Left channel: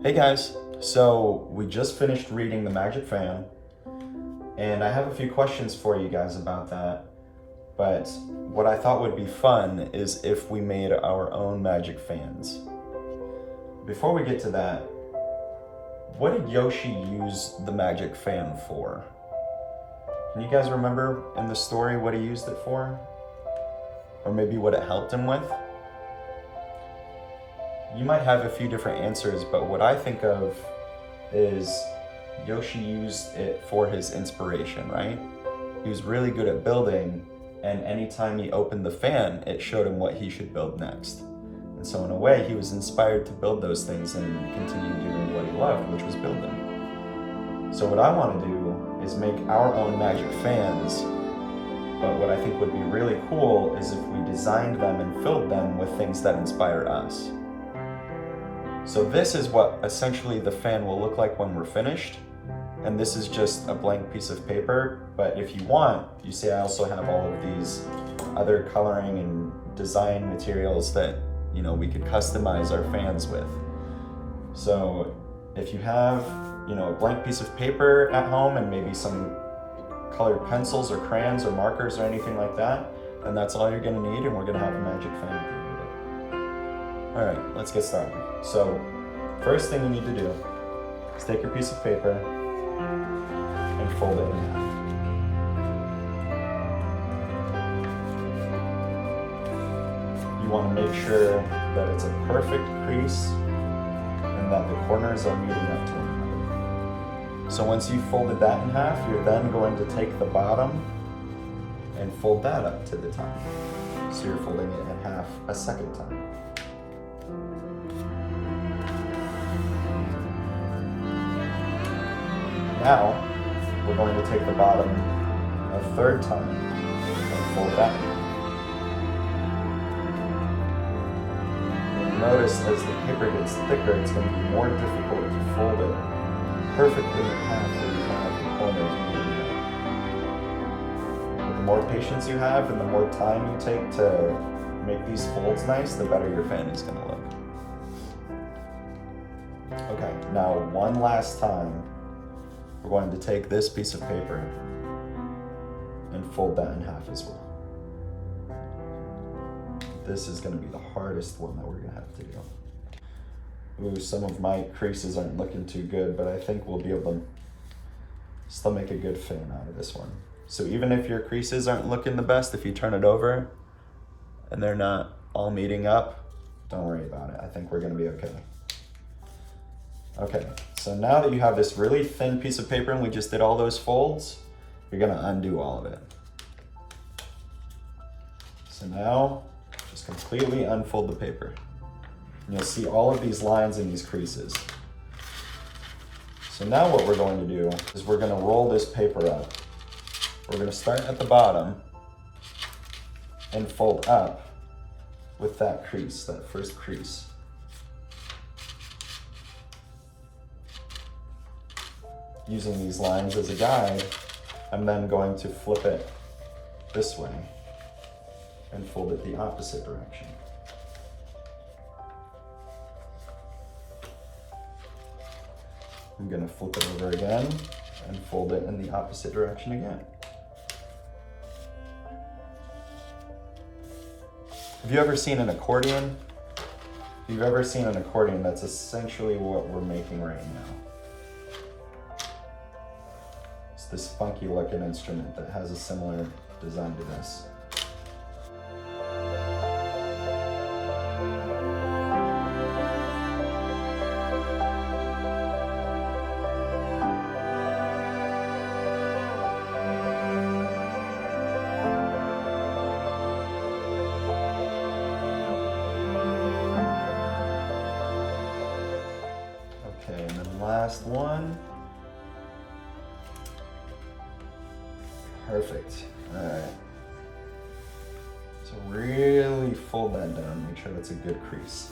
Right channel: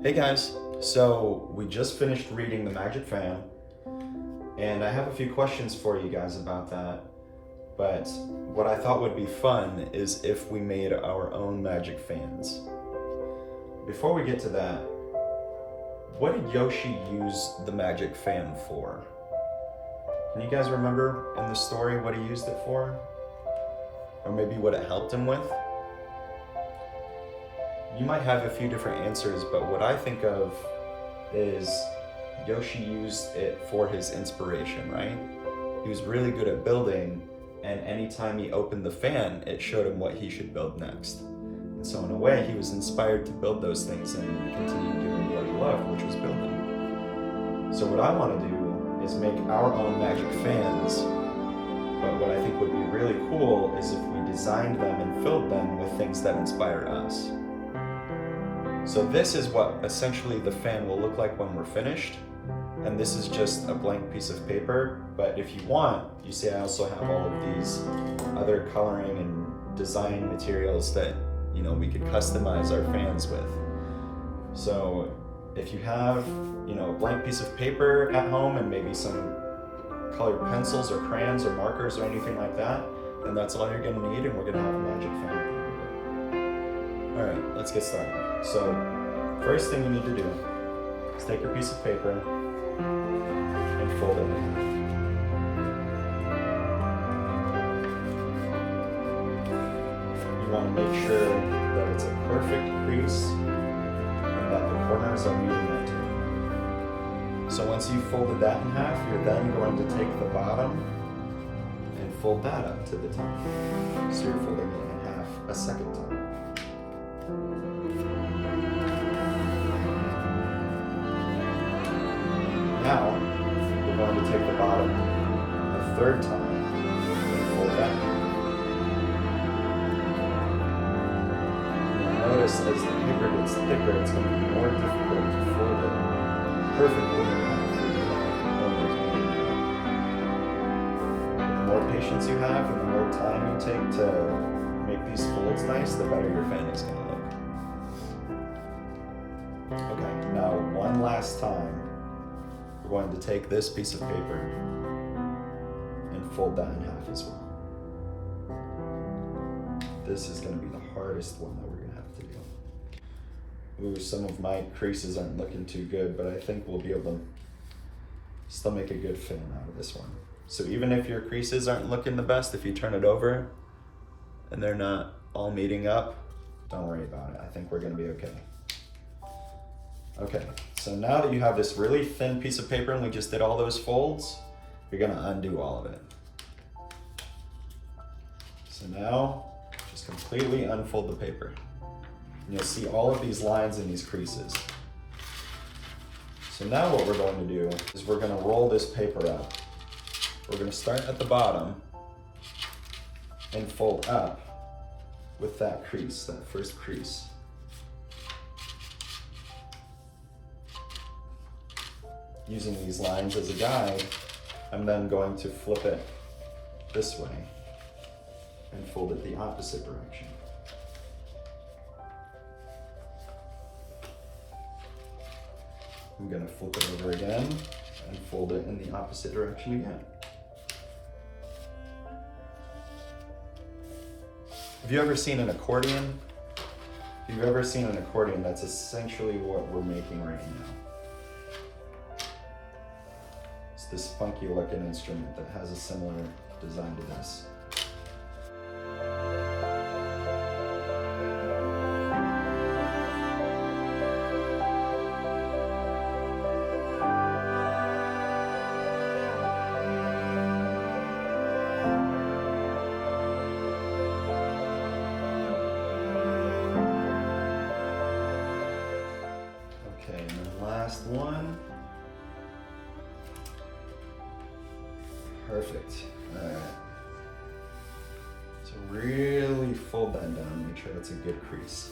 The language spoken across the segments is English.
Hey guys, so we just finished reading The Magic Fan, and I have a few questions for you guys about that. But what I thought would be fun is if we made our own magic fans. Before we get to that, what did Yoshi use the magic fan for? Can you guys remember in the story what he used it for? Or maybe what it helped him with? You might have a few different answers, but what I think of is Yoshi used it for his inspiration, right? He was really good at building, and anytime he opened the fan, it showed him what he should build next. And so in a way, he was inspired to build those things and continue doing what he loved, which was building. So what I want to do is make our own magic fans, but what I think would be really cool is if we designed them and filled them with things that inspire us. So this is what essentially the fan will look like when we're finished. And this is just a blank piece of paper, but if you want, you see I also have all of these other coloring and design materials that, we could customize our fans with. So if you have, a blank piece of paper at home and maybe some colored pencils or crayons or markers or anything like that, then that's all you're gonna need, and we're gonna have a magic fan at the end of it. All right, let's get started. So first thing you need to do is take your piece of paper and fold it in half. You want to make sure that it's a perfect crease and that the corners are meeting up to one another. So once you've folded that in half, you're then going to take the bottom and fold that up to the top. So you're folding it in half a second time. Now, we're going to take the bottom a third time and fold that. You'll notice as the paper gets thicker, it's going to be more difficult to fold it perfectly in half with the corners. But the more patience you have and the more time you take to make these folds nice, the better your fan is going to look. Okay, now one last time. We're going to take this piece of paper and fold that in half as well. This is going to be the hardest one that we're going to have to do. Ooh, some of my creases aren't looking too good, but I think we'll be able to still make a good fan out of this one. So even if your creases aren't looking the best, if you turn it over and they're not all meeting up, don't worry about it. I think we're going to be okay. Okay, so now that you have this really thin piece of paper and we just did all those folds, you're gonna undo all of it. So now, just completely unfold the paper. And you'll see all of these lines and these creases. So now what we're going to do is we're gonna roll this paper up. We're gonna start at the bottom and fold up with that crease, that first crease. Using these lines as a guide, I'm then going to flip it this way and fold it the opposite direction. I'm gonna flip it over again and fold it in the opposite direction again. Have you ever seen an accordion? If you've ever seen an accordion, that's essentially what we're making right now. This funky looking instrument that has a similar design to this. Okay, and then last one. Perfect. All right. So really fold that down, make sure that's a good crease.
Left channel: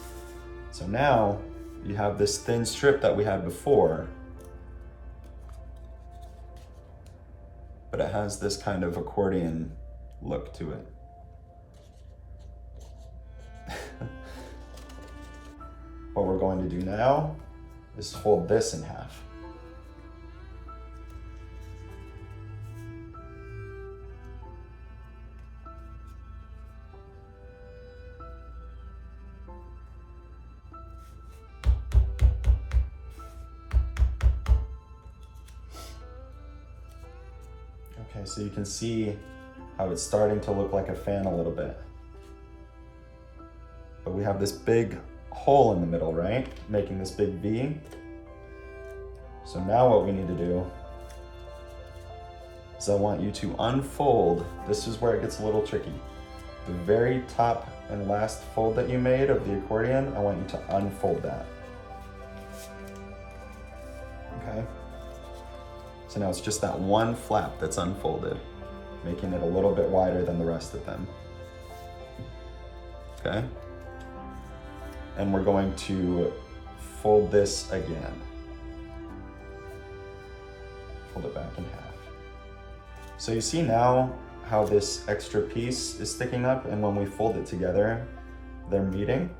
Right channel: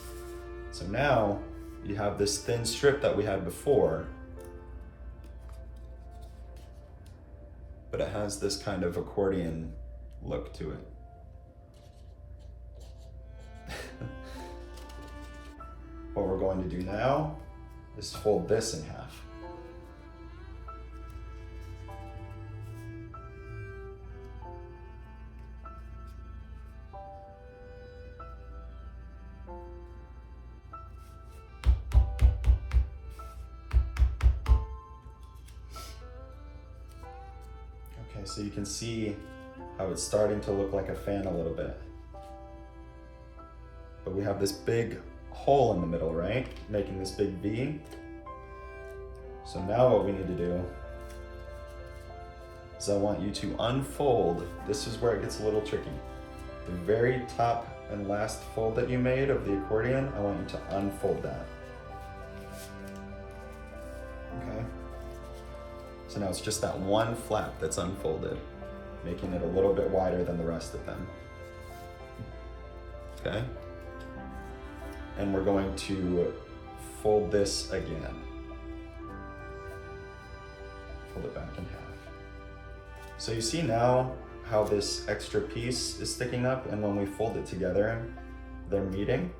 So now you have this thin strip that we had before, but it has this kind of accordion look to it. What we're going to do now is fold this in half. Okay, so you can see how it's starting to look like a fan a little bit. But we have this big hole in the middle, right? Making this big V. So now what we need to do is I want you to unfold. This is where it gets a little tricky. The very top and last fold that you made of the accordion, I want you to unfold that. Okay? So now it's just that one flap that's unfolded, making it a little bit wider than the rest of them. Okay? And we're going to fold this again. Fold it back in half. So you see now how this extra piece is sticking up, and when we fold it together, they're meeting.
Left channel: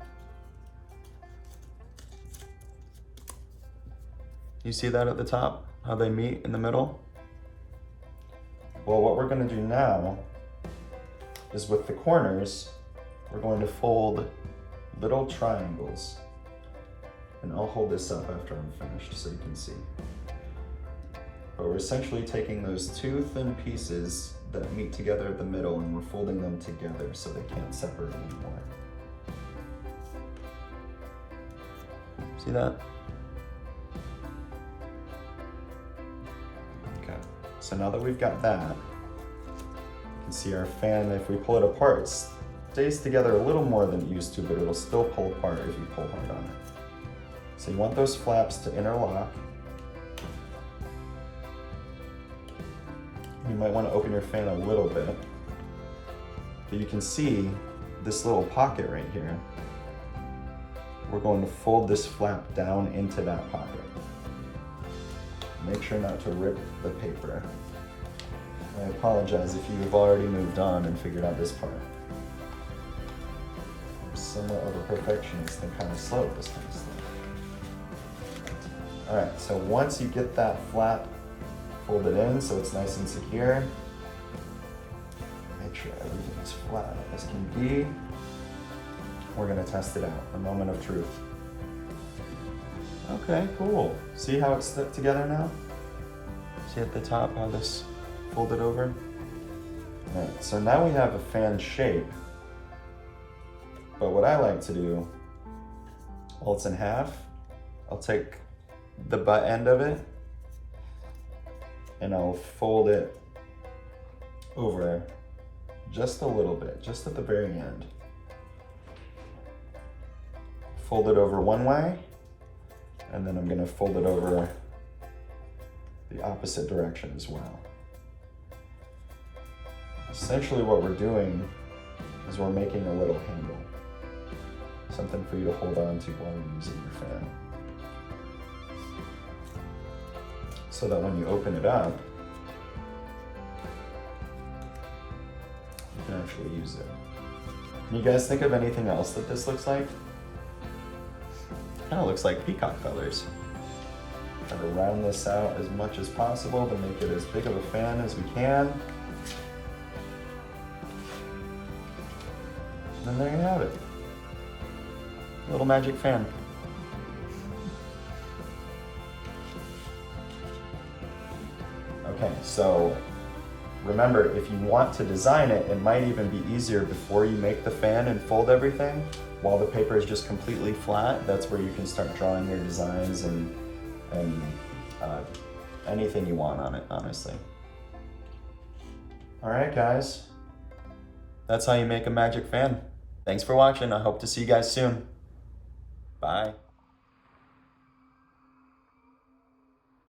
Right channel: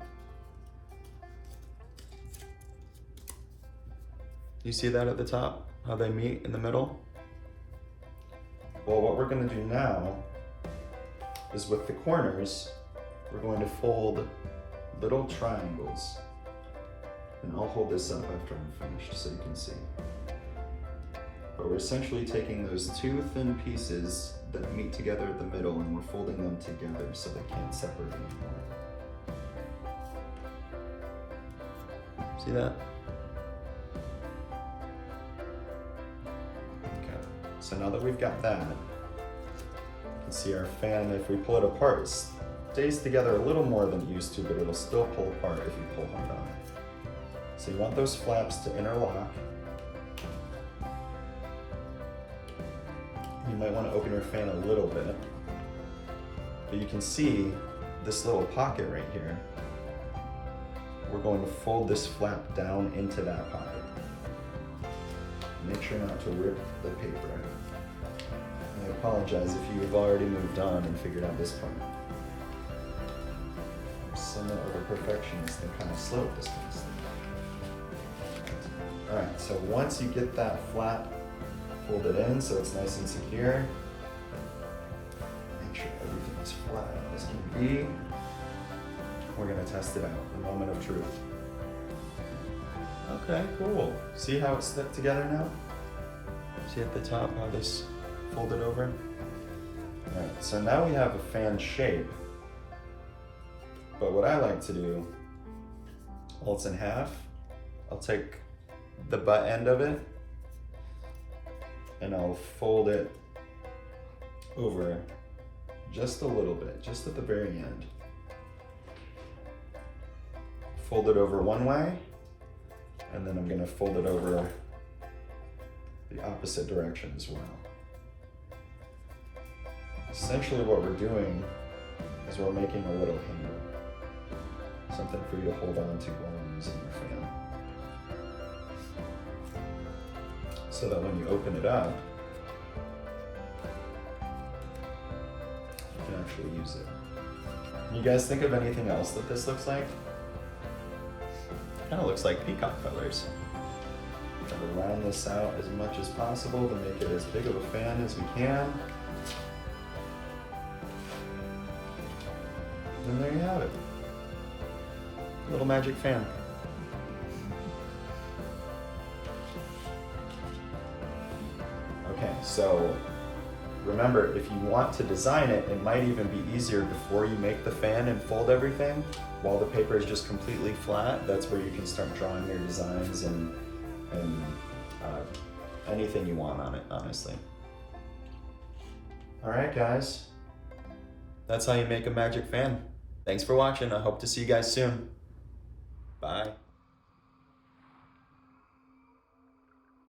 You see that at the top, how they meet in the middle? Well, what we're gonna do now is with the corners, we're going to fold little triangles. And I'll hold this up after I'm finished so you can see. But we're essentially taking those two thin pieces that meet together at the middle and we're folding them together so they can't separate anymore. See that? Okay, so now that we've got that, you can see our fan, if we pull it apart, it stays together a little more than it used to, but it'll still pull apart if you pull hard on it. So you want those flaps to interlock. You might want to open your fan a little bit, but you can see this little pocket right here. We're going to fold this flap down into that pocket. Make sure not to rip the paper. I apologize if you've already moved on and figured out this part. I'm somewhat of a perfectionist and kind of slow at this kind of stuff. All right, so once you get that flap fold it in so it's nice and secure. Make sure everything is flat as can be. We're gonna test it out, a moment of truth. Okay, cool. See how it's stuck together now? See at the top how this folded over? All right, so now we have a fan shape. But what I like to do, while it's in half, I'll take the butt end of it and I'll fold it over just a little bit, just at the very end. Fold it over one way, and then I'm gonna fold it over the opposite direction as well. Essentially what we're doing is we're making a little handle, something for you to hold on to while you're using your fan. So that when you open it up, you can actually use it. Can you guys think of anything else that this looks like? Kind of looks like peacock feathers. Try to round this out as much as possible to make it as big of a fan as we can. And there you have it. Little magic fan. Okay, so remember, if you want to design it, it might even be easier before you make the fan and fold everything. While the paper is just completely flat, that's where you can start drawing your designs and anything you want on it, honestly. All right, guys. That's how you make a magic fan. Thanks for watching. I hope to see you guys soon. Bye.